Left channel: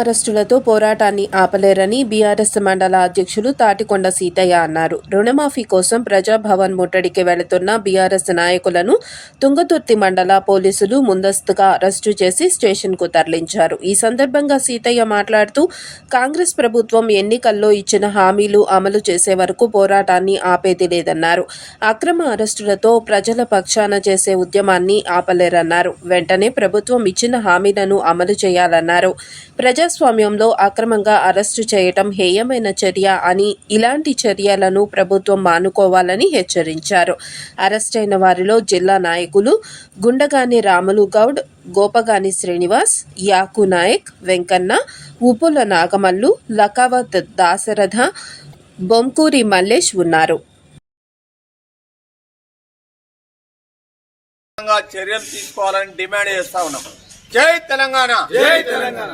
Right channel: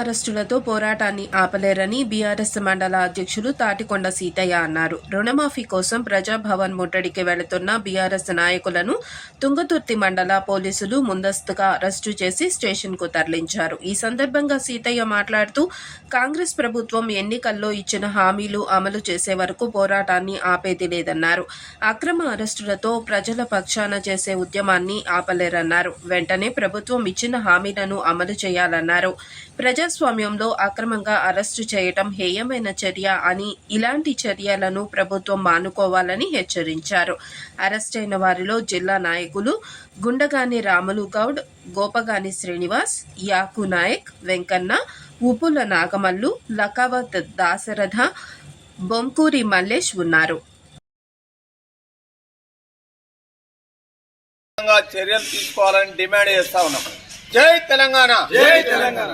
అరెస్టులతో పోరాటాన్ని ఆపలేరని బీఆర్ఎస్ మండల అధ్యక్షులు తాటికొండ సీతయ్య అన్నారు. రుణమాఫీ కోసం ప్రజాభవన్ ముట్టడికి వెళుతున్న బీఆర్ఎస్ నాయకులను తుంగతుర్తి మండల పోలీసులు ముందస్తుగా అరెస్టు చేసి స్టేషన్కు తరలించారు. ఈ సందర్భంగా సీతయ్య మాట్లాడుతూ కాంగ్రెస్ ప్రభుత్వం ఎన్నికల్లో ఇచ్చిన హామీలు అమలు చేసే వరకు పోరాటాన్ని ఆపేది లేదన్నారు. అక్రమ అరెస్టులతో ప్రజల పక్షాన చేసే ఉద్యమాన్ని ఆపలేరన్నారు. వెంటనే ప్రభుత్వం ఇచ్చిన హామీలను అమలు చేయాలన్నారు. ప్రజాస్వామ్యంలో అక్రమంగా అరెస్టు చేయటం హేయమైన చర్య అని, ఇలాంటి చర్యలను ప్రభుత్వం మానుకోవాలని హెచ్చరించారు. అరెస్టైన వారిలో జిల్లా నాయకులు గుండగాని రాములు గౌడ్, గోపగాని శ్రీనివాస్, యాకు నాయక్, వెంకన్న, ఉపుల నాగమల్లు, లకావత్ దాశరథ, బొంకూరి మల్లేష్ ఉన్నారు. చర్యలు తీసుకోవాలని డిమాండ్ చేస్తా ఉన్నాం. జై తెలంగాణ, జై తెలంగాణ.